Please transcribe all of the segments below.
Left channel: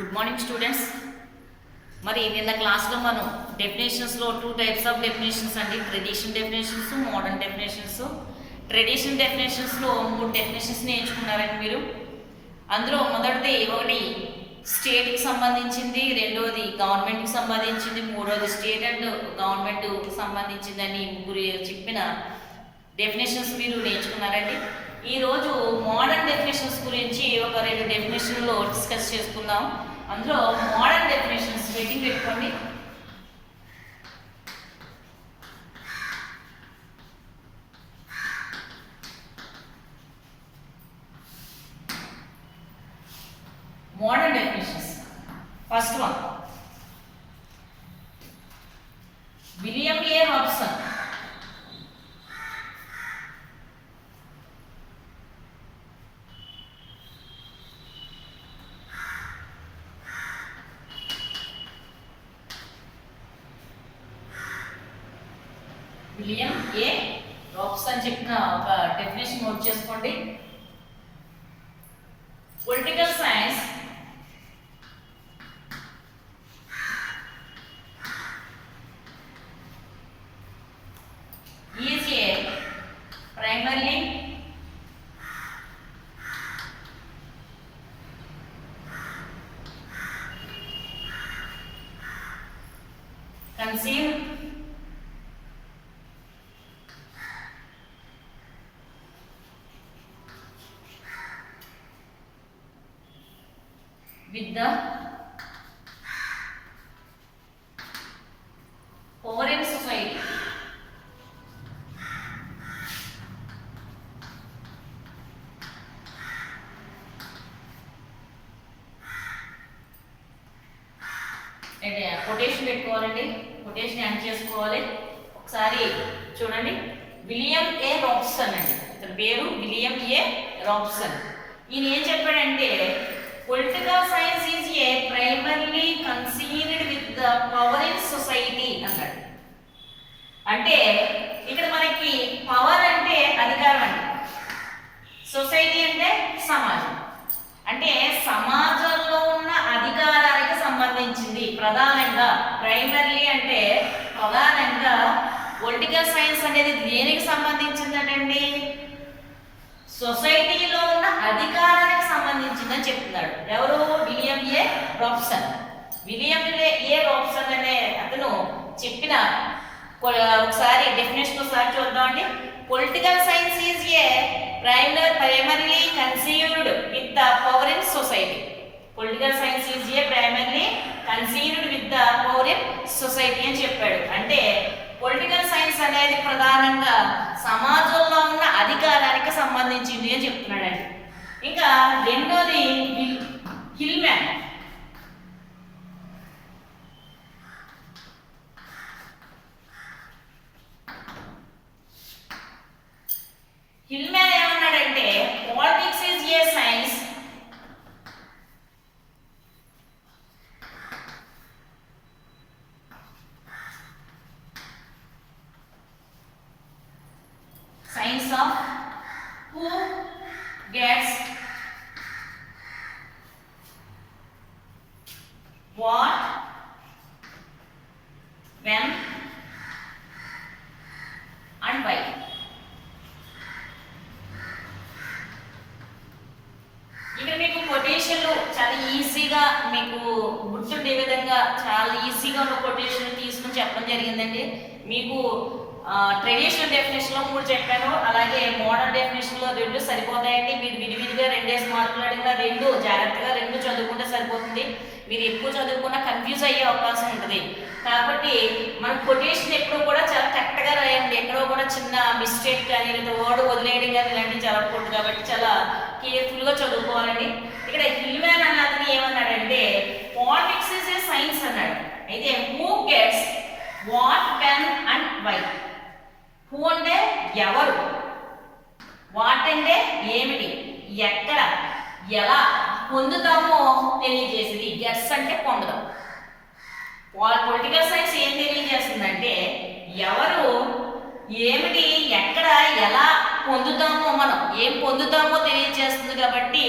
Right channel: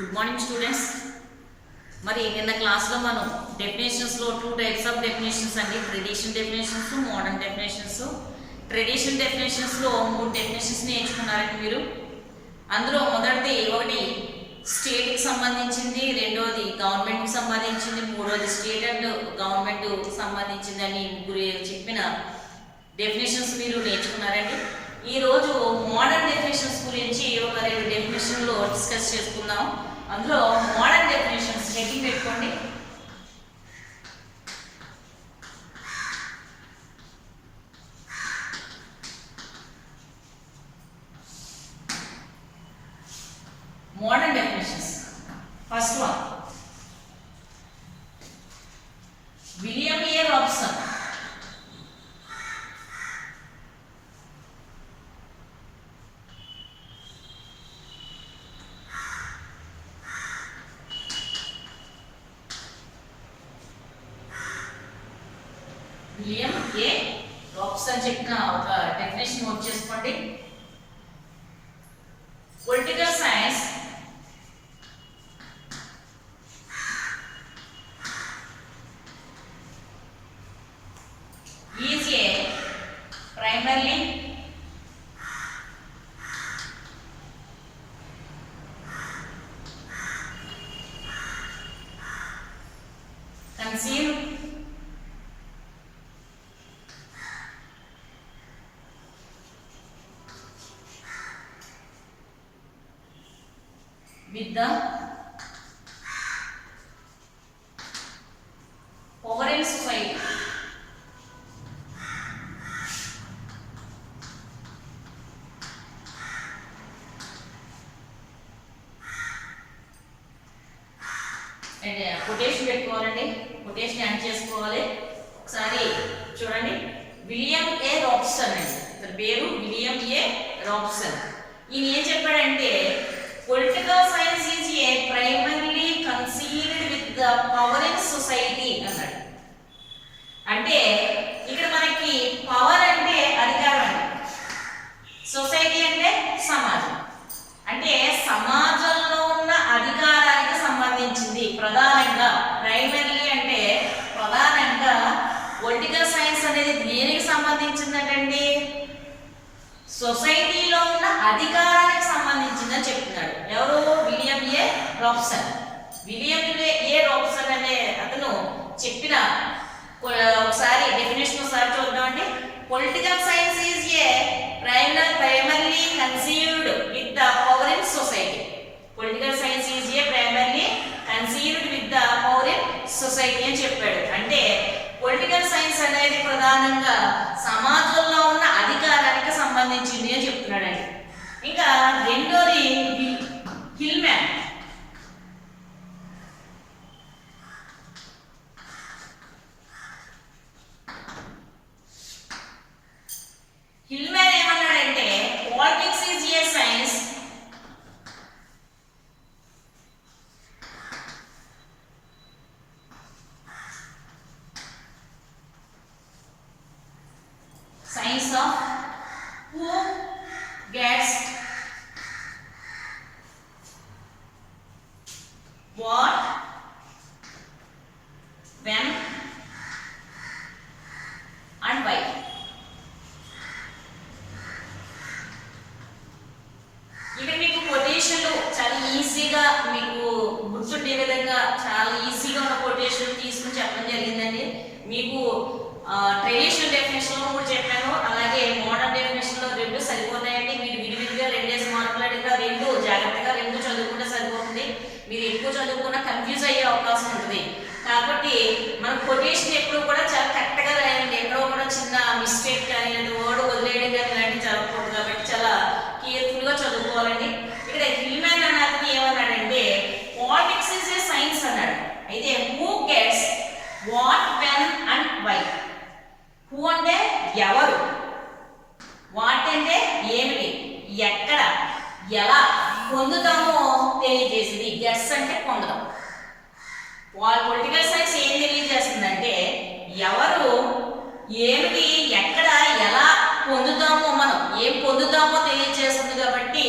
Good morning students. మరి నిన్న క్లాస్లో మనం డెఫినేషన్స్లో 2 టైప్స్ ఆఫ్ డెఫినేషన్స్ అండి, traditional definitions, modern definitions. Traditional డెఫినేషన్స్లో 3 డెఫినేషన్స్ నేర్చుకున్నారండి మీరు. అందులో మొదటిది ఒకటి స్టేట్కి సంబంధించింది, రెండవది గవర్నమెంట్కి సంబంధించింది, మూడవది స్టేట్ అండ్ గవర్నమెంట్కి సంబంధించింది అని ముగ్గురు చెప్పిన డెఫినేషన్స్ మీరు నేర్చుకున్నారండి. ఈరోజు మోడర్న్ డెఫినేషన్స్ గురించి ఒక 2 డెఫినేషన్లో డిస్కస్ చేసుకుందాం. అందులో మోడర్న్ డెఫినేషన్స్ హెడ్డింగ్ పెట్టుకోండి. Modern definitions. First one, William A Robson. William A Robson చెప్పిన ఒక డెఫినేషన్ నోట్ చేసుకోండి. Political science is a primarily conceived with the power in society. Quotation పెట్టుకోవాలండి, కొటేషన్ యాడ్ చేసుకోవాలి. ఒకసారి చూడండి, విలియం ఏ రాబ్సన్ అండి, ఇతని పేరు విలియం ఏ రాబ్సన్. ఈయన ఏం చెప్పాడంటే political science is A primarily conceived with the power in society అన్నాడు. అంటే ఇక్కడ మనకి పవర్ అంటే అధికారం అండి, సొసైటీ అంటే సమాజం. అంటే సమాజంలో ఉన్న అధికారానికి సంబంధించింది ప్రధానంగా. ప్రైమర్లీ అంటే ప్రధానంగా పొలిటికల్ సైన్స్ అనేది దేనికి సంబంధించిందండి, సొసైటీలో ఉన్న అధికారానికి సంబంధించిందని చెప్తున్నాడు. ఎవరు? William A Robson. William A Robeson అనే అతను చెప్పిన ఒకసారి డెఫినేషన్ ఒకసారి చూద్దామండి. Political science is A primarily conceived with the power in society. Political science is a primarily conceived with the power in society అని చెప్పాడు. అంటే పొలిటికల్ సైన్స్ అనేది ప్రధానంగా సమాజంలో ఉన్న అధికారానికి సంబంధించింది అని చెప్తున్నాడండి. ఇంకా రెండోది హిల్మ్యాన్. హిల్మ్యాన్ ఏమన్నాడంటే politics is a science science of who gets what when and why. ఇక్కడ మీకు కొటేషన్లు చాలా ఈజీగా మీకు గుర్తుండే విధంగా చాలా ఈజీగా ఉన్న కొటేషన్లు తీసుకుని చెప్పడం జరిగిందండి. మీకు ట్రెడిషనల్ డెఫినేషన్లో 3 చెప్పాను, అలాగే మోడర్న్ డెఫినేషన్లో 2 సరిపోతాయండి. మీరు విడివిడిగా 2 మార్కులు అడిగినా 2 జాగ్రత్తగా 2 చదువుకుంటే సరిపోతుంది. మీరు ఎక్కువ చదువుకున్నా కన్ఫ్యూజ్ అయ్యే అవకాశం ఉంటుంది. కాబట్టి మన కొటేషన్ ఎప్పుడు కూడా చాలా కరెక్ట్గా రాయండి. ఎక్కడో కూడా చిన్న మిస్టేక్ కానీ లేదా వర్డ్ వదిలేయడం కానీ ఇలాంటివి జరగకూడదు. కాబట్టి చాలా కేర్ఫుల్గా చదువుకోవాలండి. ఇక్కడ హిల్మ్యాన్ అన్న అతను ఏమన్నాడంటే పాలిటిక్స్ ఈజ్ ఏ సైన్స్ అన్నాడు. అయితే who gets what when and why. Who అంటే ఎవరు, వాట్ అంటే ఏమిటి, ఎక్కడ, ఎలా పొందుతామో తెలియజేసేది. గెట్స్ అంటే పొందడం. పొలిటికల్ సైన్స్ ఏం తెలియజేస్తుందంటే ఎవరు, ఏమిటి, ఎక్కడ, ఎలా పొందుతామో మనం ఏం పొందుతామో తెలియజేస్తుంది. కాబట్టి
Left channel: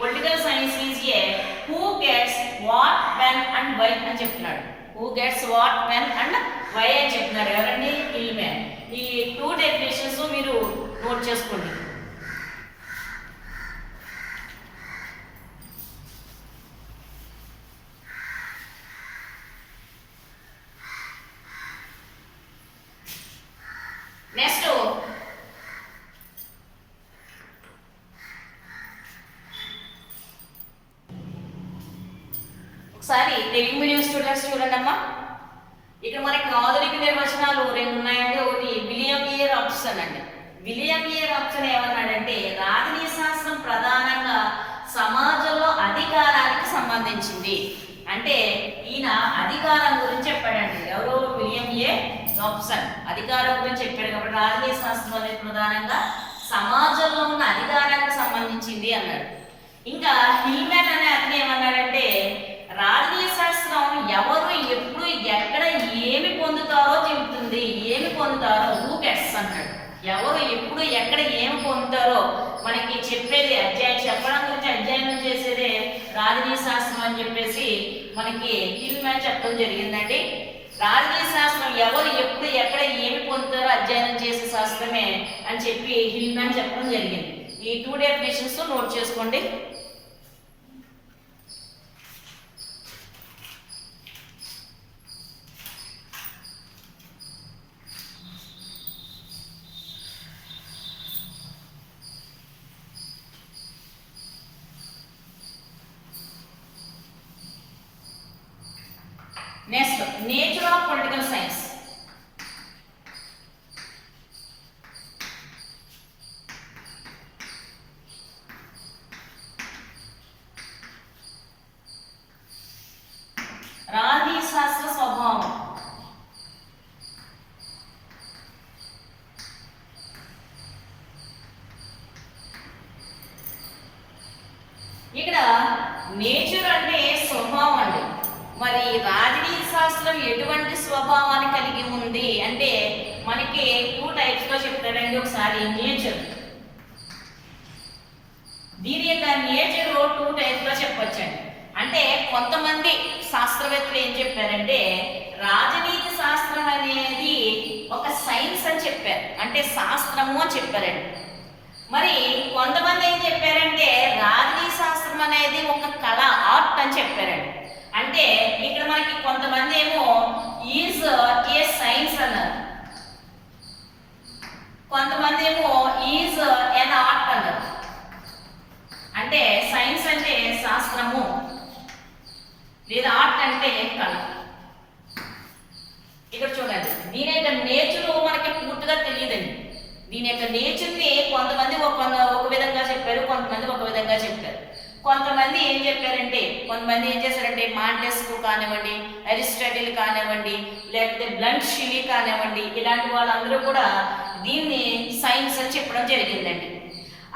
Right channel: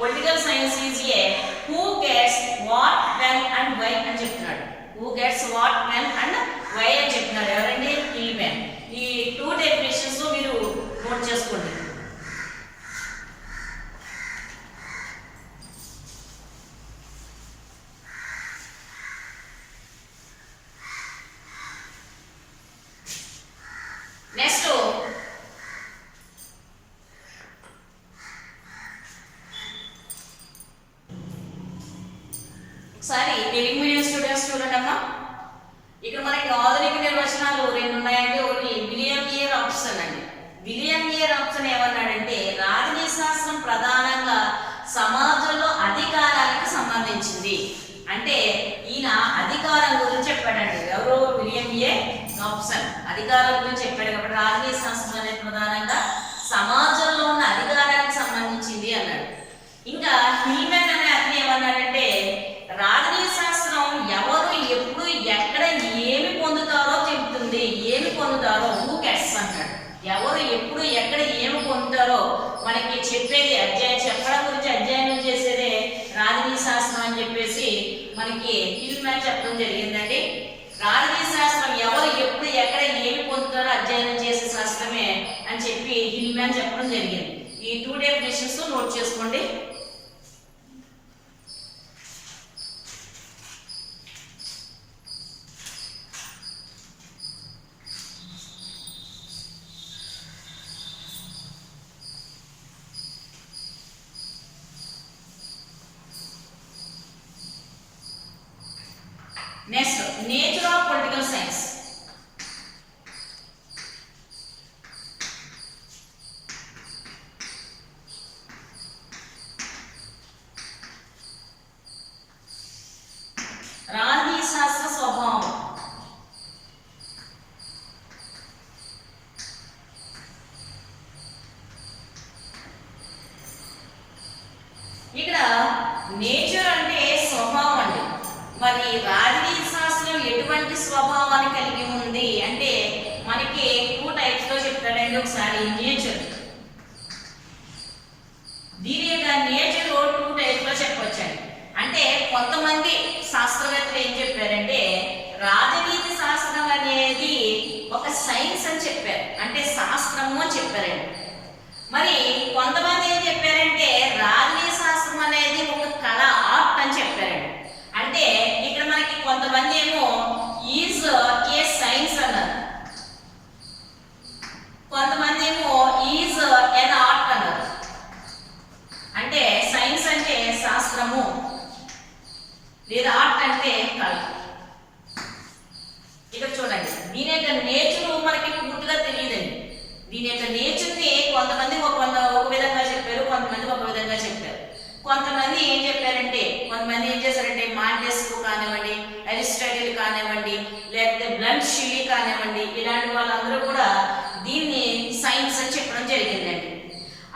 political science is a who gets what when and why అని చెప్తున్నాడు. Who gets what when and why అని చెప్తున్నాడు. ఎవరండి? హిల్మెన్. ఈ 2 డెఫినేషన్స్ మీరు నోట్ చేసుకోండి. నెక్స్ట్ ఒకసారి తెలుగు మీడియం స్టూడెంట్స్ చూడండి అమ్మా. ఇక్కడ మనకి ఆధునిక నిర్వచనాలు 2 ఉన్నాయండి. ఒకటి విలియం ఏ రాబ్సన్ అండి. విలియం ఏ రాబ్సన్ ఏమన్నాడంటే రాజనీతి శాస్త్రం ప్రధానంగా సమాజంలో అధికారానికి సంబంధించింది. అంటే ఈయన అధికారం గురించి చెప్పాడండి. ఎవరు? విలియం ఏ రాబ్సన్ అధికారం గురించి చెప్పాడు. కాబట్టి రాజనీతి శాస్త్రం అనేది ప్రధానంగా సమాజంలో ఉన్న అధికారానికి సంబంధించింది అన్నాడు. ఇంకా హిల్మెన్ అనే అతను ఏమన్నాడంటే రాజనీతి శాస్త్రం ఎవరు ఎప్పుడు ఎక్కడ ఏమి పొందుతారో చెబుతుంది. ఏమి పొందుతారో హూ గెట్స్ అంటాడు. ఎవరు ఎప్పుడు ఎక్కడ ఏమి పొందుతారో మనకి చెప్పేది అధ్యాయం చెప్పడం గురించి అధ్యయనం చేసేదే రాజనీతి శాస్త్రం అని చెప్పేసి మనకి హిల్మెన్ చెప్పడం జరిగిందండి. రాజనీతి శాస్త్రం ఎవరు ఎప్పుడు ఎక్కడ ఏమి పొందుతారో అధ్యయనం చేసే శాస్త్రమే అని చెప్పి హిల్మెన్ చెప్పడం జరిగింది. ఈ 2 డెఫినేషన్స్ నోట్ చేసుకోండి. Next nature of political science. రాజనీతి శాస్త్ర స్వభావం. ఇక్కడ నేచర్ అంటే స్వభావం అండి. మరి రాజనీతి శాస్త్రం ఎటువంటి స్వభావాన్ని కలిగి ఉంది అంటే మనకి 2 టైప్స్ గా చెప్తారండి. ఒకసారి నేచర్, దీని యొక్క నేచర్ 2 టైప్స్ గా చెప్పొచ్చండి. అంటే కొంతమంది శాస్త్రవేత్తలు ఏం చెప్పారంటే రాజనీతి శాస్త్రం అనేది ఒక సైన్స్ అని చెప్పారు. అంటే శాస్త్రము అని చెప్పారండి. మరి కొంతమంది ఏం చెప్పారంటే రాజనీతి శాస్త్రం అనేది ఒక కళ, ఆర్ట్ అని చెప్పారండి. అంటే ఇక్కడ మనకి కొంతమంది ఏమో ఈజ్ ఏ సైన్స్ అన్నారు, కొంతమంది ఏమో ఈజ్ ఎన్ ఆర్ట్ అన్నారు. అంటే సైన్స్ అంటే శాస్త్రము లేదా ఆర్ట్ అంటే కళ. ఇక్కడ చూడండి దీని యొక్క నేచరు మనకి పూర్తిగా తెలియదండి. దీని యొక్క నేచర్ని కొంతమంది ఒక విధంగా చెప్పారు, కొంతమంది ఒక విధంగా చెప్పారు. కొంతమంది ఏం చెప్పారంటే కొంతమంది ఏం చేశారంటే మాంటెస్క్యూ కానివ్వండి, అరిస్టాటిల్ కానివ్వండి, లేకపోతే బ్లంట్ షిల్లీ కానివ్వండి, ఇలాంటి వాళ్ళందరూ కూడా దీన్ని సైన్స్ అని చెప్పడం జరిగిందండి.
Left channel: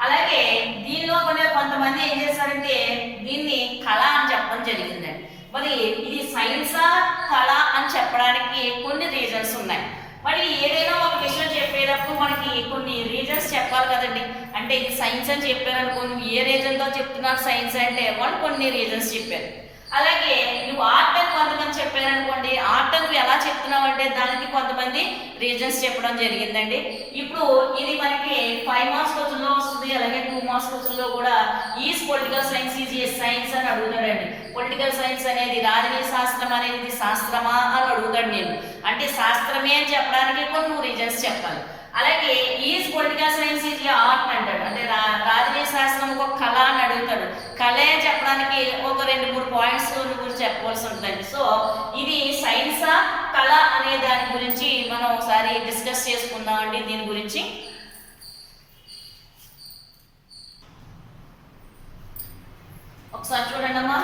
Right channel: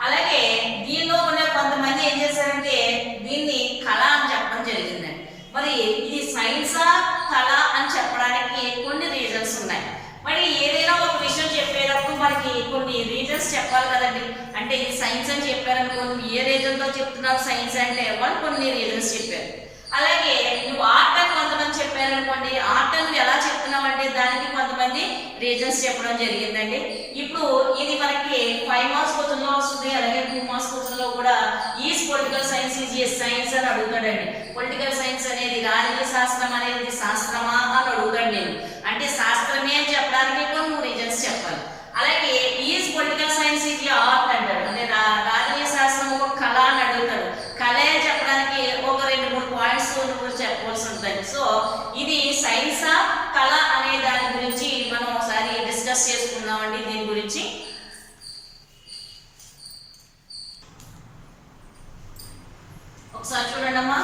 అలాగే దీనిలో కొంతమంది ఏం చేశారంటే దీన్ని కళ అని చెప్పడం జరిగిందండి. మరి ఇది సైన్సా కళ అని చెప్పడానికి కొన్ని రీజన్స్ ఉన్నాయి. మరి ఏదైనా ఒక విషయం చెప్పేటప్పుడు మనకి కొన్ని రీజన్స్ చెప్పాలి కదండి. అంటే ఇది సైన్స్ అని చెప్పారనుకోండి, ఏ రీజన్తో చెప్తున్నారు సైన్స్ అంటే వాళ్ళు కొన్ని రీజన్స్ చెప్పారు. అలాగే నువ్వు ఆర్ట్ అని కొంతమంది చెప్పారనుకోండి, ఆర్ట్ నువ్వు ఎలా చెప్తున్నావు అంటే దానికి కొంతమంది రీజన్స్ చెప్పడం జరిగిందండి. ఇప్పుడు ఇది మనకి 5 మార్క్స్ క్వశ్చన్లో వస్తుంది, అలాగే 2 మార్క్స్ క్వశ్చన్లో కూడా is political science is a science అని అడుగుతాడండి. పొలిటికల్ సైన్స్ అనేది రాజనీతి శాస్త్రం అనేది శాస్త్రమా అని అడుగుతాడు నేను. అంటే శాస్త్రమే అని చెప్పడానికి కొన్ని రీజన్స్ చెప్పాలి. అలాగే is political science is A art అంటాడు. అంటే రాజనీతి శాస్త్రం ఒక కళ అని అడుగుతాడు. కళ అని చెప్పడానికి ఒక 2-3 పాయింట్స్ చెప్పవలసి ఉంటుంది. సో ఇది సైన్సా కళ అనే దాని గురించి మనం ఒకసారి డిస్కస్ చేసుకుందామండి. దీని గురించి ఒకసారి చూడండి అమ్మా.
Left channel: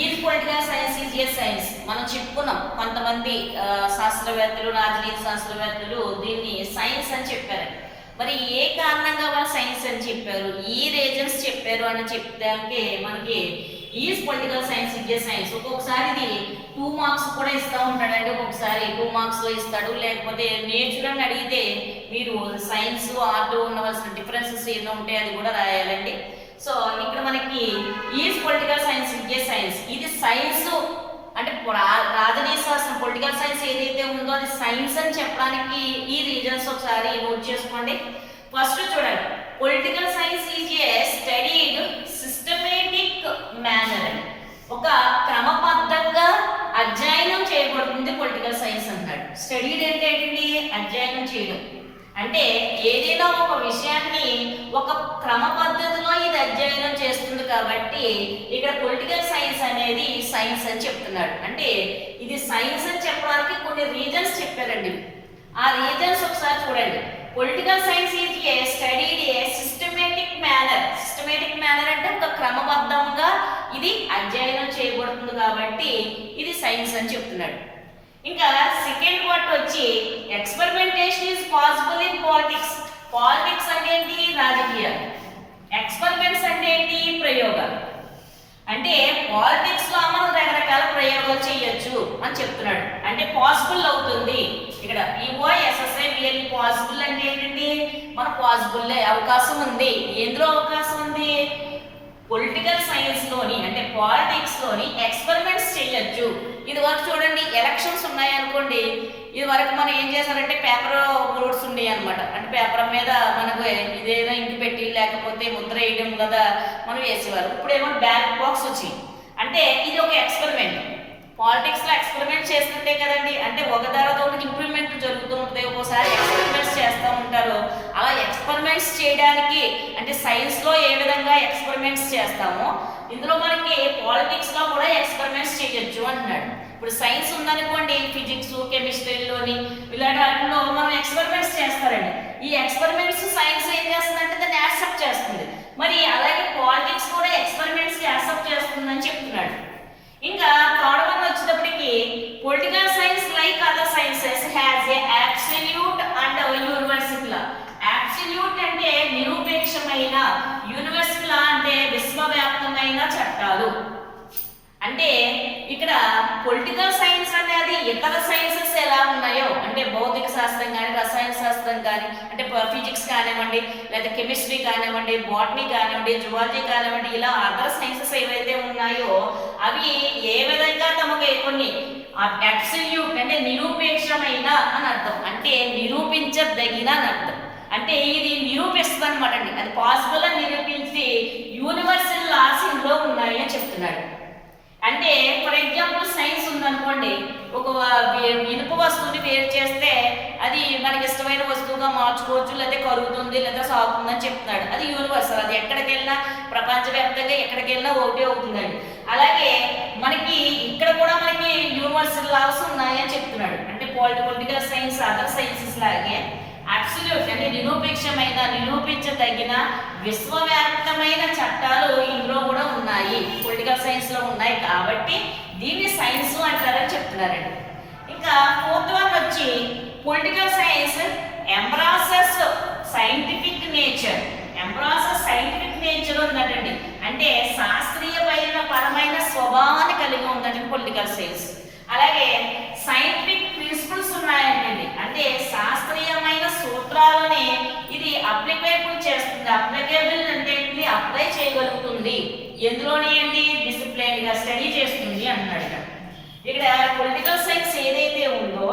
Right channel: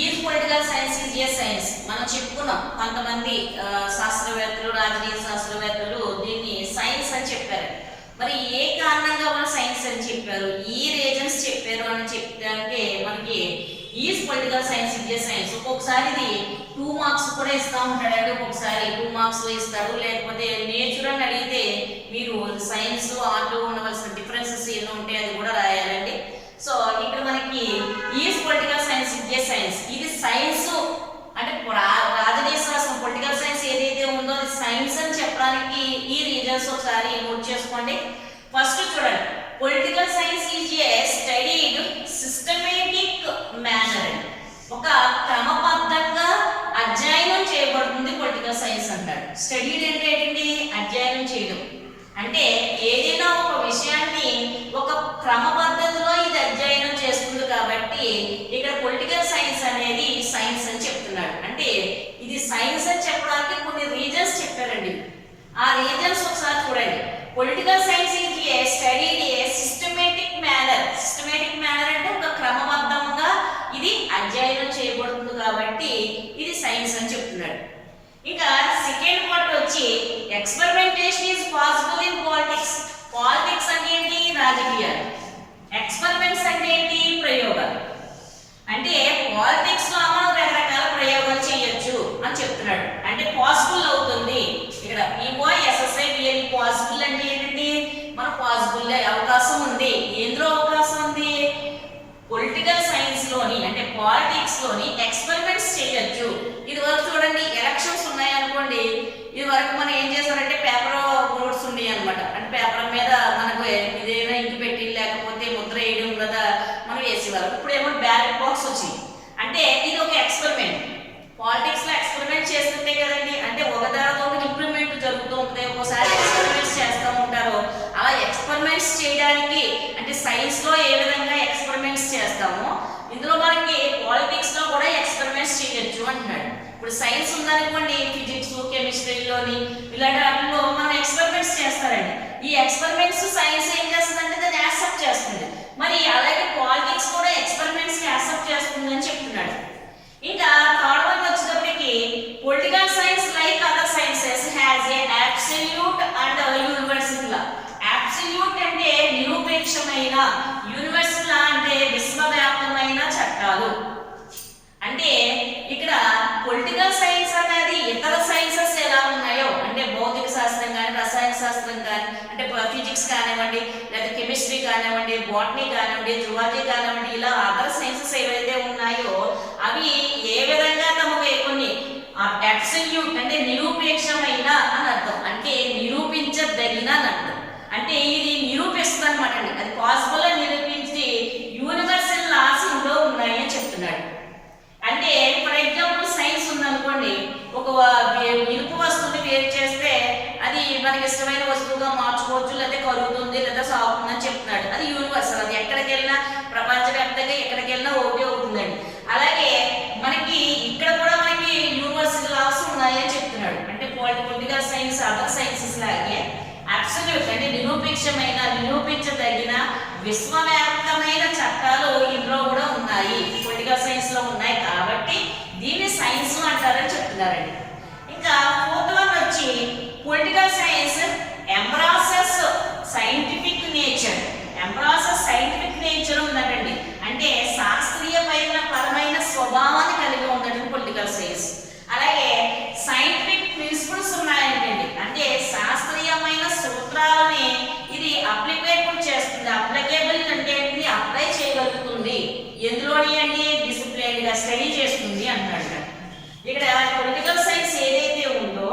Is political science is a science మనం చెప్పుకున్నాం. కొంతమంది శాస్త్రవేత్తలు, రాజనీతి శాస్త్రవేత్తలు దీన్ని సైన్స్ అని చెప్పారు. మరి ఏ కారణంగా వాళ్ళు సైన్స్ అని చెప్పారు, ఈ రీజన్స్ చెప్పారు అని చెప్తే మనకి is political science is a science. ఒక్కొక్కసారి ఇది 2 మార్క్స్ కూడా ఇస్తూ ఉంటాడండి. ఒక్కొక్కసారి 2 మార్క్స్లో ఇస్తాడు. లేకపోతే నేచర్ అని అడిగితే మీరు సైన్స్ ఆర్ట్ ఉండవలసిన డిఫరెన్సెస్ ఏదో ఉంటాయి అది కూడా రాయాలండి. సో ఇక్కడ మనకి is political science is a science science. ఇది సైన్స్ అంటే రాజనీయ శాస్త్రం పొలిటికల్ సైన్స్ ఏదైతే ఉందో అది సైన్స్ అని చెప్పడానికి ఈ రీజన్స్ ఒకసారి నోట్ చేసుకోండి. ఫస్ట్ చూడండి, political science is A studied systematic manner. ఒక క్రమబద్ధంగా అధ్యయనం చేయబడుతుంది పొలిటికల్ సైన్స్ అంటాడు. స్టడీడ్ అంటే ఏంటి? అధ్యయనం చేయడం. అంటే ఏదైనా ఒక విషయాన్ని ఒక క్రమ పద్ధతిలో ఇది అధ్యయనం చేస్తుంది కాబట్టి ఇక్కడ పొలిటికల్ సైన్స్ అనేది సైన్స్ అని చెప్తున్నాడు. అంటే ఇది సైన్స్ అని చెప్పడానికి కొన్ని రీజన్స్ చెప్పారండి. ఆ రీజన్స్ ఒకసారి చూడండి. Political science is A studied A systematic manner. Systematic manner అంటే ఒక క్రమబద్ధంగా ఇది అధ్యయనం చేయబడుతుంది కాబట్టి ఇది సైన్స్ అని చెప్తున్నాడు. ఇంకా సెకండ్ పార్ట్ వచ్చి experimentation is possible in politics. Politics అంటే ఏంటి? రాజకీయాలు. ఎక్స్పెరిమెంట్స్ అంటే ఏంటి? ప్రయోగాలు. అంటే పాలిటిక్స్ లో మనం రకరకాల ప్రయోగాలు చేయొచ్చు అని చెప్తున్నాడు. అంటే పాసిబుల్ అవుతుంది. ఇక్కడ POSSI రియల్లీ పాసిబుల్ అంటే ఏంటండి? మన పాసిబుల్ అవకాశం ఉంది. ఎందులో అవకాశం ఉంది? పొలిటికల్ సైన్స్ లోని అంటే పాలిటిక్స్ లోని ఎక్స్పెరిమెంట్స్ చేయొచ్చు. ఇది వరకు చూడండి, ఎలక్షన్స్ ఉన్నాయి అనుకోండి, ఇది వరకు మనం ఏం చేశారంటే పేపర్ బోర్డ్స్ ఉన్నాయి అనమాట. అంటే పేపర్ మీద మనకు ఇదేదో ఇంకి పెట్టి లేకపోతే ముద్ర వేయడం కదా మనం వేసేవారు. ఇప్పుడు ఏమో బ్యాలెట్ బాక్స్ వచ్చింది. అంటే ఇది ఒక ఎక్స్పెరిమెంట్. పాలిటిక్స్ లో ఎక్స్పెరిమెంట్ చేస్తుంటే కదండి, అంటే ఒక తర్వాత ఒకటి ఇంప్రూవ్మెంట్ జరుగుతూ ఉంటుంది. ఒక్కోసారి ఎక్స్పెరిమెంట్స్ చేస్తూ ఉంటారు. అలా ఎక్స్పెరిమెంట్స్ చేయడానికి అంటే సైన్స్ లో ఏ విధంగా ఎక్స్పెరిమెంట్స్ చేస్తామో ఇందులో మనకి పాలిటిక్స్ లో కూడా ఎక్స్పెరిమెంట్స్ చేయొచ్చు అంటున్నాడు. ఇప్పుడు సైన్స్ ఉందనుకోండి, ఫిజిక్స్ కెమిస్ట్రీలోని ఇలాంటి వాటిలో మనం ఎక్స్పెరిమెంట్స్ చేస్తారండి. ఈ ఎక్స్పెరిమెంట్స్ సైన్స్ ఏం చేస్తుందంటే దాన్ని యాక్సెప్ట్ చేస్తుంది. మరి అలాగే పాలిటిక్స్ కూడా ఎక్స్పెరిమెంట్స్ యాక్సెప్ట్ చేస్తుందని చెప్తున్నాడు. ఇంకా థర్డ్ వన్ వచ్చేటప్పటికి political science like other sciences has a absolute and universal law. Absolute అంటే నిరూపేక్షమైన, యూనివర్సల్ లా అంటే విశ్వవ్యాప్తమైన చట్టాలు. అంటే ఇక్కడ పొలిటికల్ సైన్స్ అనేది ఇతర సైన్సెస్ ఎలా ఉన్నాయో అంటే భౌతిక శాస్త్రం కానీ రసాయన శాస్త్రం కానీ అంటే ఫిజిక్స్ కానివ్వండి లేదా కెమిస్ట్రీ కానివ్వండి బాటనీ కానివ్వండి జువాలజీ కానివ్వండి ఇలా అదర్ సైన్సెస్ ఏవైతే ఉన్నాయో అవి ఏ విధంగా తమకు కొన్ని అబ్సల్యూట్ అంటే నిరూపేక్షమైన అని అర్థం. అంటే నిరూపించదగిన అని అర్థం. అంటే ఇది నిరూపిస్తుంది అనమాట అండి. అది పాసిబుల్ అని నిరూపించి యూనివర్సల్ లాస్ ఇందులో ఉన్నాయి అని చెప్తున్నాడు. అంటే ఫర్ ఎగ్జాంపుల్ సైన్స్ ఉందనుకోండి, ఒక ఇనుప వస్తువుని వేరు చేస్తే అది మనకి ఇష్టమైన వస్తువుగా మార్చుకోవచ్చు, లేదా కరుగుతుంది లేదా సాగుతుంది అని చెప్తున్నాడు. అది యూనివర్సల్. అది ఎక్కడికి వెళ్ళినా ప్రపంచవ్యాప్తంగా ఎక్కడికి వెళ్ళినా ఓకే అవుతుందండి. అలాగే మనకి ఇక్కడ కూడా మనకి యూనివర్సల్ లాస్ ఉన్నాయని చెప్తున్నాడు. అంటే పొలిటికల్ సైన్స్ అదర్ సైన్సెస్ లాగే అబ్సల్యూట్ అంటే నిరూపేక్షమైన నిరూపించదగిన విశ్వవ్యాప్తమైన చట్టాలు ఇందులో కూడా ఉన్నాయి, పొలిటికల్ సైన్స్ లో ఉన్నాయి కాబట్టి దీన్ని సైన్స్ అంటారని చెప్తున్నారండి. ఇంకా ఫోర్త్ వన్ వచ్చి political science embraces scientific nature. Embraces scientific nature ఉందండి. అంటే శాస్త్రీయ పరమైన స్వభావాన్ని కలిగి ఉందండి పొలిటికల్ సైన్స్. అలాగే సైంటిఫిక్ ప్రిన్సిపల్స్ ఉన్నాయండి. అంటే శాస్త్రీయమైన సూత్రాలని ఇది అప్లికేబుల్ చేస్తుంది. అప్లికేబుల్ అంటే అప్లై చేయగలుగుతుంది. ఎందులోని అండి? డిసిప్లైన్ గా స్టడీ చేస్తుంది అన్నాడు. ఇక్కడ పొలిటికల్ సైన్స్ ఏదైతే ఉందో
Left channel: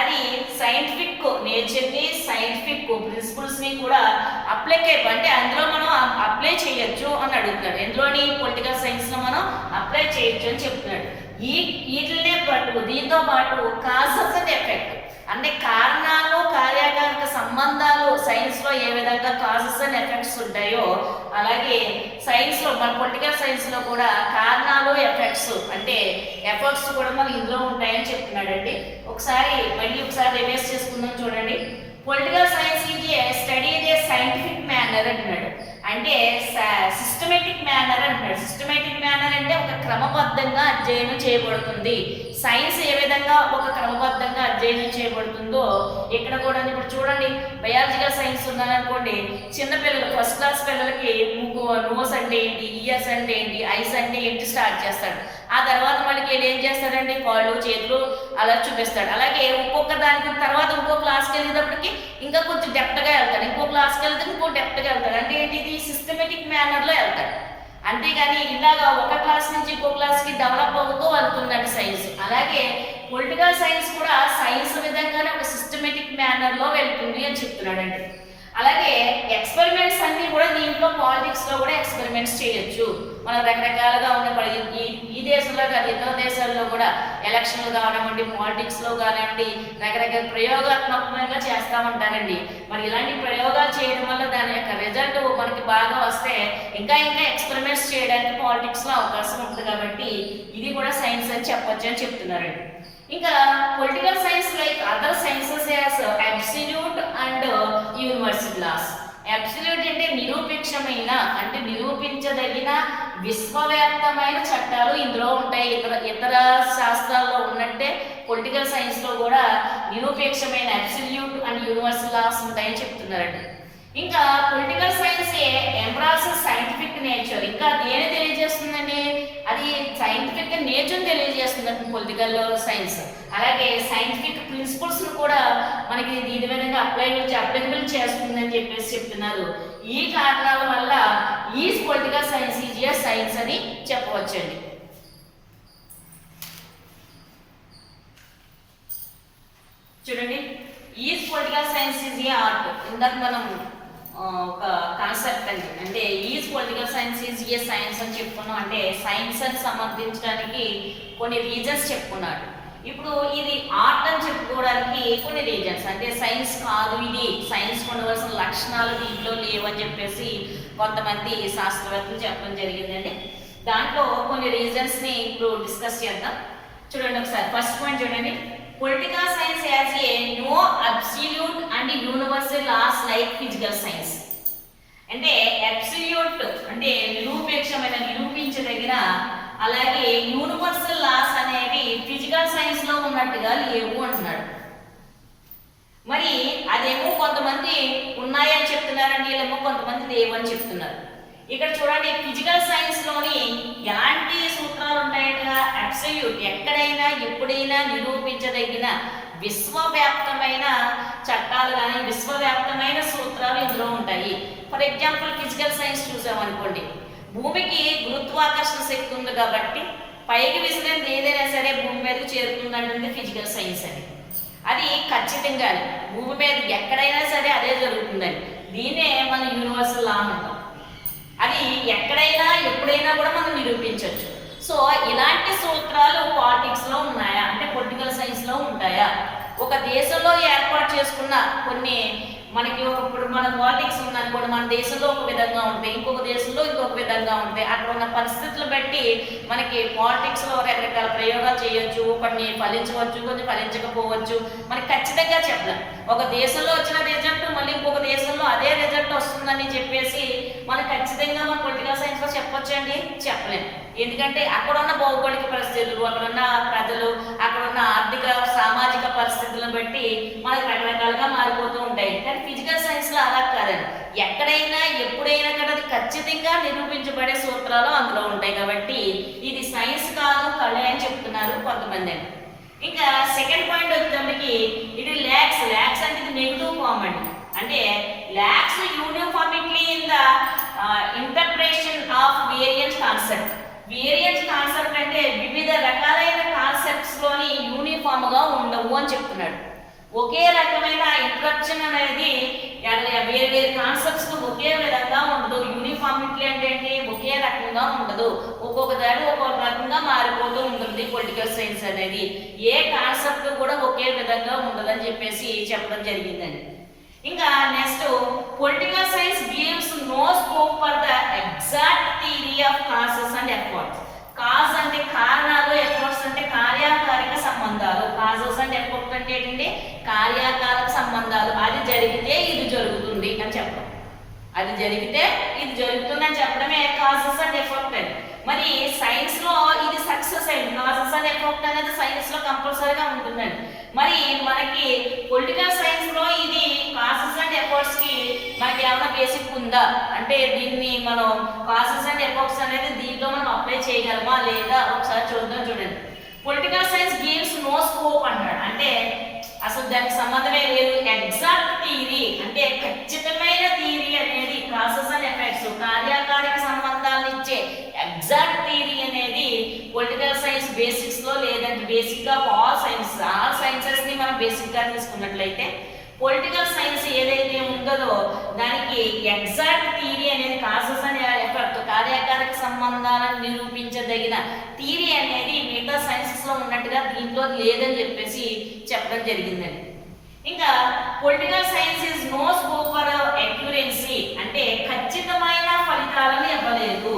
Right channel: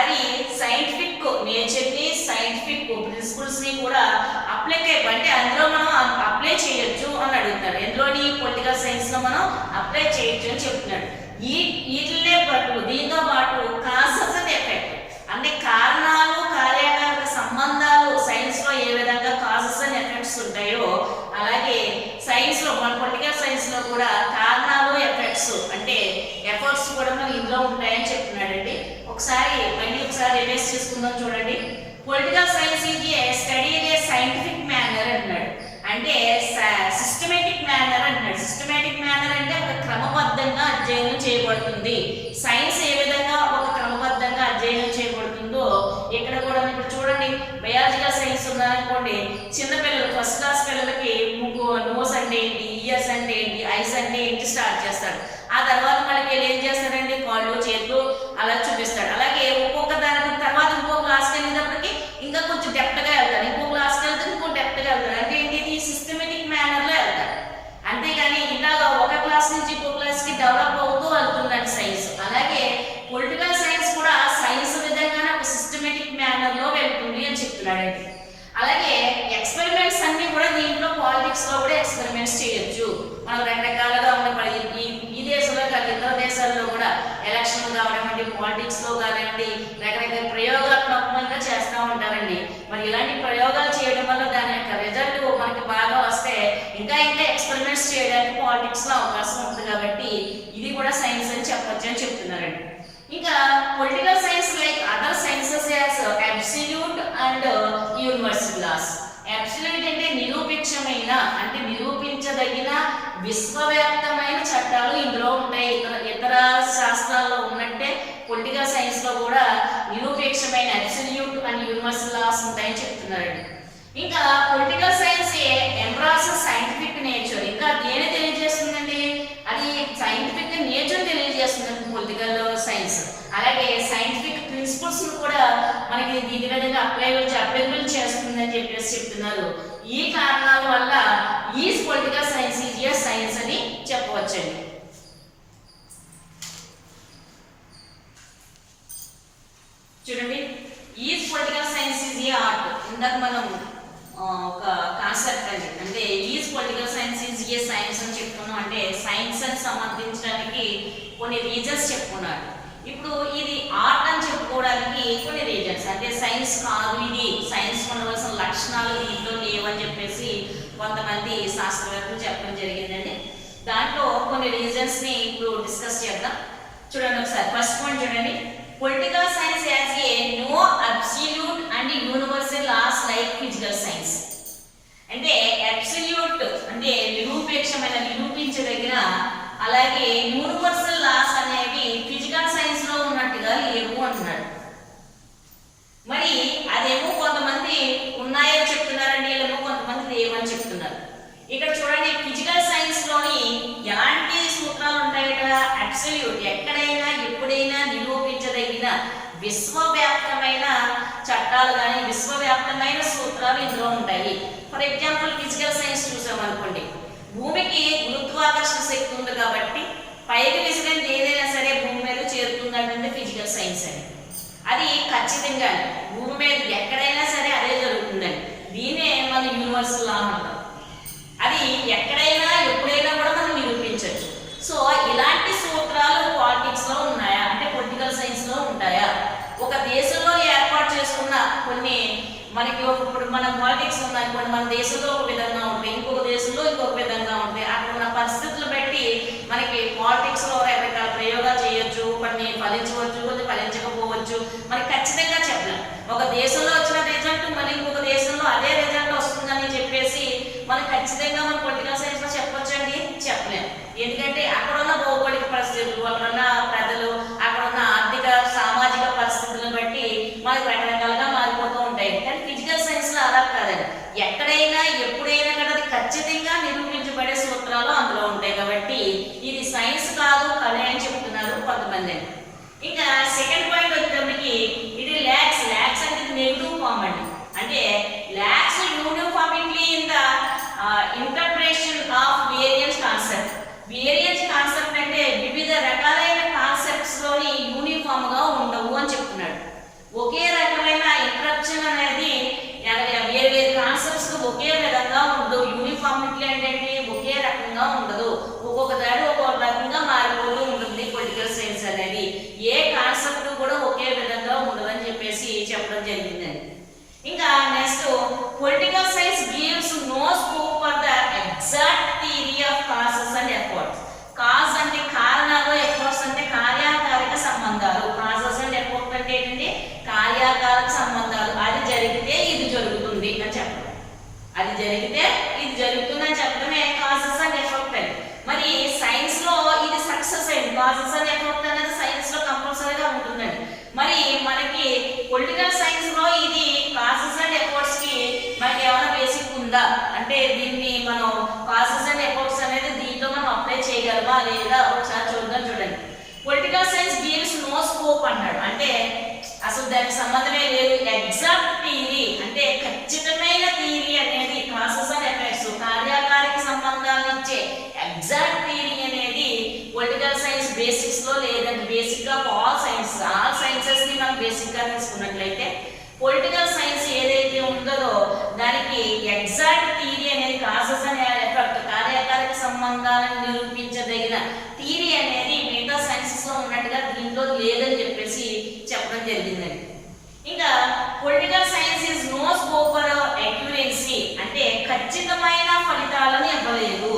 అది సైంటిఫిక్ నేచర్ ని సైంటిఫిక్ ప్రిన్సిపల్స్ ని కూడా అప్లికేబుల్ అంటే అందులో మనం అప్లై చేయొచ్చు అని అడుగుతాడు. ఎందులోని? పొలిటికల్ సైన్స్ లో మనం అప్లై చేయొచ్చు అని చెప్తున్నాడు. వీటినే పాటు దీంతో పాటు కాజెస్ అండ్ ఎఫెక్ట్ అంటే కారణాలు కార్యకారక సంబంధాలు సైన్స్ లో ఏ విధంగా కాజెస్ అండ్ ఎఫెక్ట్స్ ఉంటాయో అలాగే సైన్స్ లో మన పొలిటికల్ సైన్స్ లో కూడా కారణాలు ఎఫెక్ట్స్ అంటే ఎఫర్ట్స్ కూడా మన ఇందులో ఉంటాయని చెప్తున్నాడండి. మళ్ళీ ఒకసారి రివైజ్ చేసుకుందాం చూడండి. Political science is A study A scientific manner అంటున్నాడు. అంటే సిస్టమేటిక్ మేనర్ అంటున్నాడు. సిస్టమేటిక్ మేనర్ అంటే ఒక క్రమబద్ధంగా అధ్యయనం చేయబడుతుంది. సైన్స్ ఏ విధంగా ఒక క్రమబద్ధంగా అధ్యయనం చేయబడుతుందో ఇక్కడ కూడా ఇప్పుడు చూడండి, బయాలజికల్ సైన్స్ ఉందనుకోండి, చిన్నపిల్లలు ఫస్ట్ క్లాస్ పిల్లలకి నోస్ అంటే ఏంటి, ఇయర్స్ అంటే ఏంటి, ఐస్ అంటే ఏంటి స్టార్ట్ చేస్తాడు. ఆ తర్వాత మనకి ఏం చేస్తాడంటే కాళ్ళు చేతులు అలా చూపిస్తాడు. అలాగే ఒక్కొక్క దాని తర్వాత ఇంకో క్లాస్కి వెళ్ళేటప్పటికి ఇంకా కొంచెం డెప్త్గా వెళ్తాడు, ఇంకో క్లాస్కి వెళ్తే ఇంకో డెప్త్గా వెళ్తాడు. అంటే ఏంటి? ఇది సిస్టమేటిక్ మేనర్లో వెళ్తాడు. అంతేగాని ఇలాగా ఒక క్లాస్ క్లాస్ నుంచి ఇంకో క్లాస్కి డెవలప్ అవుతూ వెళ్తుందండి సైన్స్. అలాగే పొలిటికల్ సైన్స్ కూడా సైన్స్ విధంగానే ఒక సిస్టమేటిక్ మేనర్లో వెళ్తుంది అని చెప్తున్నాడండి. అలాగే ఎక్స్పెరిమెంట్స్ అన్ని కూడా దీంట్లో పాలిటిక్స్లో కూడా ఎక్స్పెరిమెంట్స్ చేయొచ్చు. మనం రకరకాలుగా ఉన్న ఈ దేశంలో కాదు ఇతర దేశాల్లో కూడా ఎలక్షన్లు కావడం పాలిటిక్స్లో కాదండి రకరకాల ప్రయోగాత్మకంగా చేస్తూ ఉంటారండి. మరి ఇలాంటి ప్రయోగాలు చేయడం వల్ల దాని యొక్క రిజల్ట్ మనకి బాగా వస్తే ఇంకా ఇంకా ఎక్స్పెరిమెంట్స్ చేయడానికి పాలిటిక్స్లో అవకాశం ఉంటుంది. కాబట్టి ఇది కూడా సైన్స్ అని చెప్పొచ్చు అని చెప్తున్నారండి. ఇంకా political science like other sciences as absolute and universal laws. Absolute అంటే నిరూపించమైన అంటే నిరూపించదగిన విశ్వవ్యాప్తమైన చట్టాలు ఇందులో ఉంటాయి. ఇతర శాస్త్రాల్లో ఉన్నట్టే పొలిటికల్ సైన్స్ లో కూడా నిరూపేక్షమైన అబ్సల్యూట్ అండ్ యూనివర్సల్ లాస్ ఉంటాయని చెప్తున్నారండి. ఇంకా political science embraces scientific nature. ఇంకా దేని తెలియజేస్తుందండి? అది సైంటిఫిక్ నేచర్ తెలియజేస్తుందండి పొలిటికల్ సైన్స్. అలాగే సైంటిఫిక్ ప్రిన్సిపల్స్ కూడా మనకి దీని విధంగా అప్లైబుల్ చేస్తుందని చెప్పేసి చెప్తున్నారు. ఈ కారణాల వల్ల ఈ political science is a science అని చెప్పవచ్చండి. చూడండి, ఈ political science is A art. ఇందాక మనం ఒక కాన్సెప్ట్ అండి, అంటే is political science is a science అని చెప్పుకున్నాం. అంటే సైన్స్ అని సంబంధించడానికి కొన్ని రీజన్స్ చెప్పుకున్నాడు. ఇప్పుడు ఇది ఆర్ట్ అని చెప్పుకోవడానికి కొన్ని రీజన్స్, అంటే సైన్స్ కాదు ఇది, సైన్స్ ఉండవలసిన లక్షణాలు దీంట్లో లేవని చెప్పేసి కొంతమంది శాస్త్రవేత్తలు చెప్పడం జరిగిందండి. దాంట్లో కొన్ని రీజన్స్ని ఇప్పుడు డిస్కస్ చేద్దాం. చూడండి ఒకసారి, ఫస్ట్ పాయింట్ చూడండి. Political science has a no absolute and universal laws like physical science. అంటే అబ్సల్యూట్ అంటే నిరూపించదగిన అలాగే యూనివర్సల్ లాస్ అనేవి ఫిజికల్ సైన్స్ లో ఉన్నట్టుగా లేవు అంటున్నాడు. మరి అదేమో కొంతమంది ఉన్నాయని చెప్తున్నారండి, ఏమో కొంతమంది లేవని చెప్తున్నారు. ఇక్కడ చూడండి, ఫిజికల్ సైన్స్ లోని ఎలాంటి సూత్రాలు ఉంటాయట? అబ్సల్యూట్, ఎక్కడైనా ఎప్పుడైనా నిరూపించదగిన విశ్వవ్యాప్తమైన చట్టాలు కానీ విశ్వవ్యాప్తమైన సూత్రాలు ఇందులో ఉంటాయి. ఫర్ ఎగ్జాంపుల్ ఫిజికల్ సైన్స్ చూసామనుకోండి, భూమికి గురుత్వాకర్షణ శక్తి ఉంది కాబట్టి పైకి విసిరేది ఏదైనా సరే భూమి మీద చేరుతుందంటే ఫిజికల్ సైన్స్ అని. అది ఖచ్చితంగా భూమి మీద ఎక్కడైనా సరే అదే జరుగుతుందని, దీన్నే మన యూనివర్సల్ లా అంటాం. అది ఎక్కడైనా ఎప్పుడైనా కూడా మనం నిరూపించవచ్చు. సో ఇలాంటి సూత్రాలు పాలిటిక్స్ లో ఉన్నాయా అంటే పొలిటికల్ సైన్స్ లో ఉంటాయా? ఒక దేశంలో ఏర్పాటు చేసుకున్న కొన్ని మనకి ఇప్పుడు మన పాలిటిక్స్ ఉందనుకోండి, మన దేశంలో ఒక విధంగా ఉంటాయి, ఇంకొక దేశంలో ఇంకొక విధంగా ఉంటాయి. అక్కడ ఉన్న పరిస్థితులు బట్టి మనకి పాలిటిక్స్ లో రకరకాల ప్రయోగాలు చేయొచ్చు, కొన్ని ఫలించవచ్చు, కొన్ని ఫలించకపోవచ్చు. మనకి ఖచ్చితంగా చెప్పలేం. ఒక దేశంలో వచ్చిన రిజల్ట్ మళ్ళీ ఇంకొక దేశంలో అదే రిజల్ట్ వస్తుందని చెప్పేసి మనకి ఖచ్చితంగా మన పొలిటికల్ సైన్స్ లో చెప్పొచ్చు అండి, చెప్పలేం. ఎందుకంటే అక్కడ ఉన్న భౌగోళిక పరిస్థితులు, అక్కడ ఉన్న ప్రజలు, అక్కడ ఉన్న ఆర్థిక సామాజిక పరిస్థితులను బట్టి మనకి రకరకాలుగా మారిపోతూ ఉంటాయి. కానీ ఫిజికల్ సైన్స్ లో అలా కాదండి, ఎక్కడైనా ఎప్పుడైనా కూడా ఖచ్చితంగా నిరూపించబడే సూత్రాలు అందులో ఉంటాయి. కాబట్టి ఇది సైన్స్ కాదు కళ అని చెప్తున్నారు కొంతమంది. ఇంకా సెకండ్ పాయింట్ వచ్చేటప్పటికి ఇది ల్యాక్స్ అంటే నెగిటివ్ ఫార్మ్ అండి. అంటే lakhs uniformity in the interpretation of variance concept. Variance concept అంటే వివిధ రకాలైన కాన్సెప్ట్స్ లోని యూనిఫామ్ గా ఉండవు అని చెప్తున్నాడు. ఒకే రకమైన ఇంటరప్షన్ అనేది వేరే వేరే కాన్సెప్ట్స్ ఒకే విధంగా ఉండదు. యూనిఫార్మిటీ అంటే ఒకే రకంగా ఉండదు, ఒక్కొక్క దాడి ఒక్కొక్క రకంగా మారిపోతూ ఉంటుంది పొలిటికల్ సైన్స్ అనేది. ఏ కాన్సెప్ట్ కూడా ఒకే విధంగా ఉండదని చెప్పేసి చెప్పడం జరిగిందండి. ఇంకా next, political science gives no scope for the exact theory of causes and efforts. Cause అంటే కారణాలు, ఎఫర్ట్స్ అంటే కార్యకారక సంబంధాలు. కాజెస్ అండ్ ఎఫర్ట్స్ అంటే ఏంటంటే కార్యకారక సంబంధాలు. అది జరిగితే ఇది జరుగుతుంది అని చెప్పడం, అది జరిగితే ఇది జరుగుతుంది అని చెప్పడమే కాజెస్ అండ్ ఎఫర్ట్ అని. మరి సైన్స్ లో ఇది సక్సెస్ అయింది. కాజెస్ అండ్ ఎఫర్ట్ అనేది సైన్స్ లో కంపల్సరీగా ఉంటుందండి. మరి మనకి పొలిటికల్ సైన్స్ లో ఇది కాజెస్ అండ్ ఎఫర్ట్స్ కి మనకి ఏమైనా బేసిక్ ఉందా అంటే దీన్ని మనం కాజెస్ అండ్ ఎఫర్ట్స్ అనేది దీంట్లో మనం అప్లై చేయగలమా లేదా ఒకసారి చూద్దాం. చూడండి, political science gives no scope అంటాడు, అంటే అసలు దానికి సంబంధమే లేదు. ఎగ్జాక్ట్ థియరీ అంటే ఖచ్చితమైన థియరీ అనేది కాజెస్ అండ్ ఎఫెక్ట్స్ కార్యకారక సంబంధాలను ఇచ్చే ఎగ్జాక్ట్ థియరీ అనేది పొలిటికల్ సైన్స్ బేసిక్స్లో లేదంటే బేసిక్గా ఆల్ సైన్సెస్ని మనం బేసిక్గా తీసుకున్నట్లయితే పొలిటికల్ సైన్స్ ఏదైతే ఉందో దానికి ఎగ్జాక్ట్ థియరీ అనేది కాసెస్ అనే ఎఫెక్ట్ కార్యకారక సంబంధాలను నిరూపించదగిన థియరీ అనేది మిగతా సైన్సెస్లో ఉన్నట్టుగా దీంట్లో లేదని చెప్పేసి చెప్పడం జరిగిందండి. ఇంకా political science is no scope for accuracy, అంటే ఖచ్చితమైన ఫలితాలను ఇవ్వలేదు.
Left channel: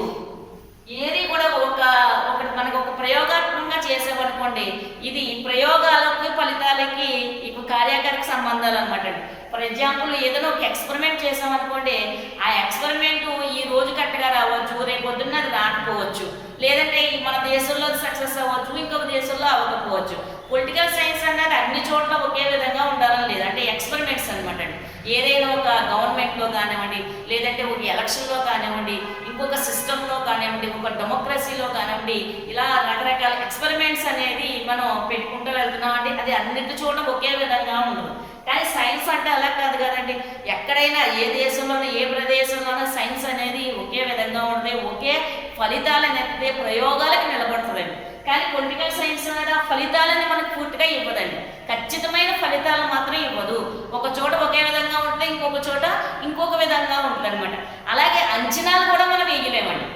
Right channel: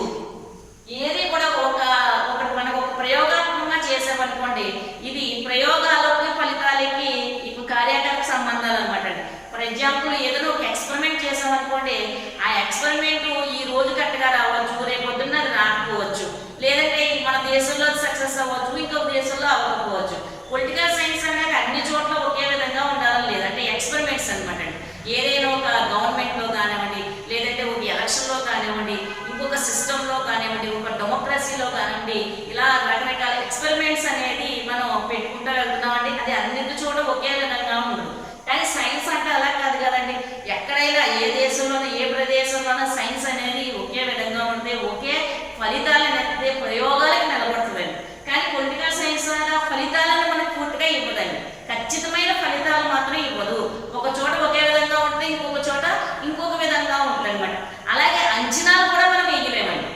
ఏది కూడా ఒకటి మనకు ఒక ప్రయోగాత్మకంగా చేసామనుకోండి, ఇది ప్రయోగాలకి ఫలితాలకి ఇప్పుడు కార్యకారక సంబంధాలు అనమాట. ఫర్ ఎగ్జాంపుల్ ఏదైనా ఒక ఎక్స్పెరిమెంట్ చేసామనుకోండి, ఆ ఎక్స్పెరిమెంట్ ఈ రోజు కరెక్ట్గా రావచ్చు, రేపు పొద్దున్న అది రాకపోవచ్చు, లేదంటే మన దేశంలో సక్సెస్ అవ్వచ్చు, ఇంకొక దేశంలో అవ్వకపోవచ్చు. పొలిటికల్ సైన్స్ అనేది అన్ని చోట్ల ఒకే విధంగా ఉండాలని లేదు, అంటే ఎక్స్పెరిమెంట్స్ అనమాట అండి. ఏదైనా ఒక గవర్నమెంట్లో కానివ్వండి, లేదంటే ఒక ఎలక్షన్లో కానివ్వండి, ఇంకొక సిస్టంలో కానివ్వండి, ఒక డెమోక్రసీలో కానివ్వండి, ఇలా రకరకాల ఎక్స్పెరిమెంట్స్ అనేది మనం పెట్టుకుంటూ వెళ్తున్నాం అండి. అది అన్నిటి చోట ఒకే విధంగా ఉండదు. కానీ సైన్స్ అంటే అలా కాదు కదండి. ఎక్కడైనా ఏ దేశంలోనూ ఏ ప్రదేశంలోనూ సైన్స్ అనేది ఒకే విధంగా ఉంటుంది, ఒకే ఫలితాలు అనేది ప్రయోగాలకు నిలబడుతుందండి. కానీ పొలిటికల్ సైన్స్ అనేది ఆ ఫలితాలను మనకు పూర్తిగా ఇవ్వదండి, ఖచ్చితమైన ఫలితాలు మాత్రం ఇవ్వదు. ఒక చోట ఒకే విధంగా ఉంటే ఇంకొక చోట ఇంకొక విధంగా ఉంటుంది అనమాట. అలాగే అంచనాలు కూడా మనం వేయలేమండి,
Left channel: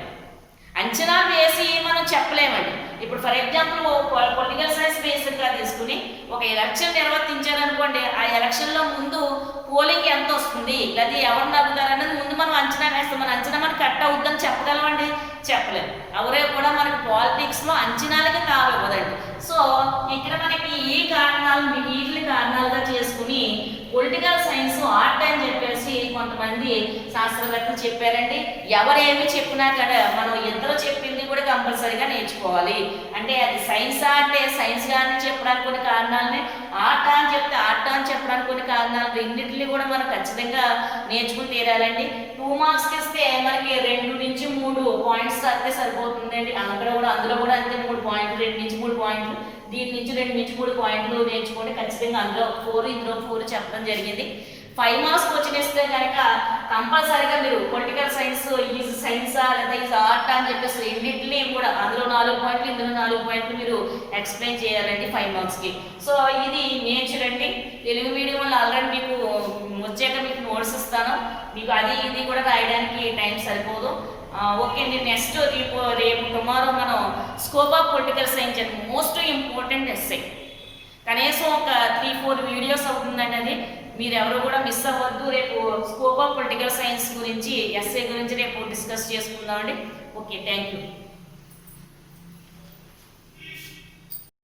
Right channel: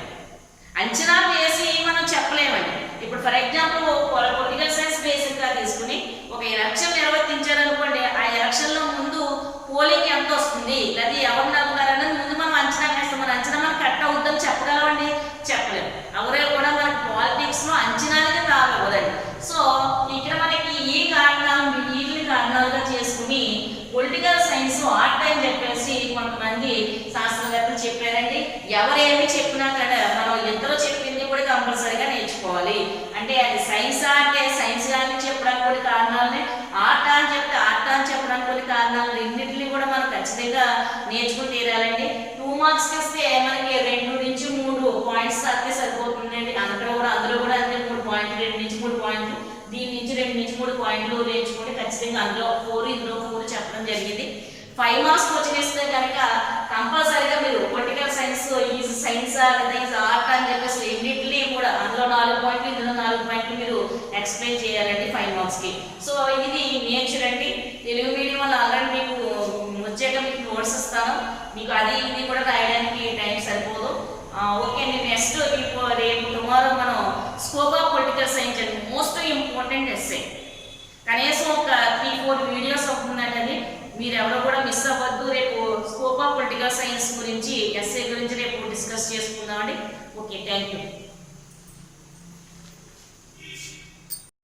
అంచనాలు వేసి మనం చెప్పలేమండి. ఇప్పుడు ఫర్ ఎగ్జాంపుల్ పొలిటికల్ సైన్స్ బేసిక్గా తీసుకుని ఒక ఎలక్షన్ నిర్వర్తించారనుకోండి, ఆ ఎలక్షన్లో ముందు పోలింగ్ ఎంత వస్తుంది, లేదా ఎవరు నవ్వుతారనేది ముందు మనం అంచనా వేస్తాం. మన అంచనా మనకు కరెక్ట్ అవుతుందని చెప్పగలమండి, చెప్పలేము. అవరే కూడా మనకి పాలిటిక్స్లో అంచనాలకి తాగకూడదండి. సో ఇక్కడ మనకి ఈ కారణాలు వీటిని కారణాలుగా చేసుకుని పొలిటికల్ సైన్స్ ఆర్ట్ అని చెప్పేసి కొంతమంది శాస్త్రవేత్తలు చెప్పారండి. ఎవరేమి చెప్పినా కదా మనం ఇద్దరు చెప్పింది కూడా కంపల్సరీగా నేర్చుకోవాలి. అంటే అది సైన్స్ అంటే సైన్స్ అని చెప్పడానికి కొన్ని కారణాలని, ఆర్ట్ అని చెప్తే ఆర్ట్ అని చెప్పడానికి కొన్ని కారణాలు, రెండింటిని కూడా మనం ఖచ్చితంగా నేర్చుకుని తీరాలండి. 2 మార్క్స్కి ఇస్తే మనకి 2 నుంచి 3 పాయింట్స్ అయితే సరిపోతుందండి. అందులో కూడా అంతే 3 పాయింట్లు, 2 నుంచి 3 పాయింట్లు, దీని నుంచి 2 నుంచి 3 పాయింట్లు నేర్చుకుంటే ఖచ్చితంగా అందులో 4 ఇందులో 4 చెప్పడం జరిగింది. 5 మార్క్స్ క్వశ్చన్ ఇస్తే కనుక కంపల్సరీగా మీరు పొలిటికల్ సైన్స్ ఈజ్ సైన్సా లేదా ఈజ్ ఆర్ట్ అని చెప్పేసి రెండింటినీ కూడా అందులో 4 పాయింట్లు ఇందులో 4 పాయింట్లు మీరు ఎక్స్ప్లెయిన్ చేయాలండి 5 మార్క్స్కి. సో ఇది నేచర్ అండి. తెలుగు మీడియం వల్ల ఆల్రెడీ మీకు వచ్చాక మీకు నోట్స్ ఇస్తాను, మీకు అది ఇది కూడా రాయడానికి టైం సరిపోదు. ఓకే అండి, నెక్స్ట్ రేపు టుమారో మనం స్కోప్ ఆఫ్ పొలిటికల్ సైన్స్ అండి, మోస్ట్ ఇంపార్టెంట్ ఎస్సే. కనీసం ఒక 3-4 వీడియోస్ అవుతుందండి. అది మీరు ఎవరు కూడా మిస్ అవ్వద్దు. రేపు స్కోప్ ఆఫ్ పొలిటికల్ సైన్స్ గురించి ఎస్ఏ గురించి రేపు డిస్కస్ చేసుకుందామండి. Okay, thank you.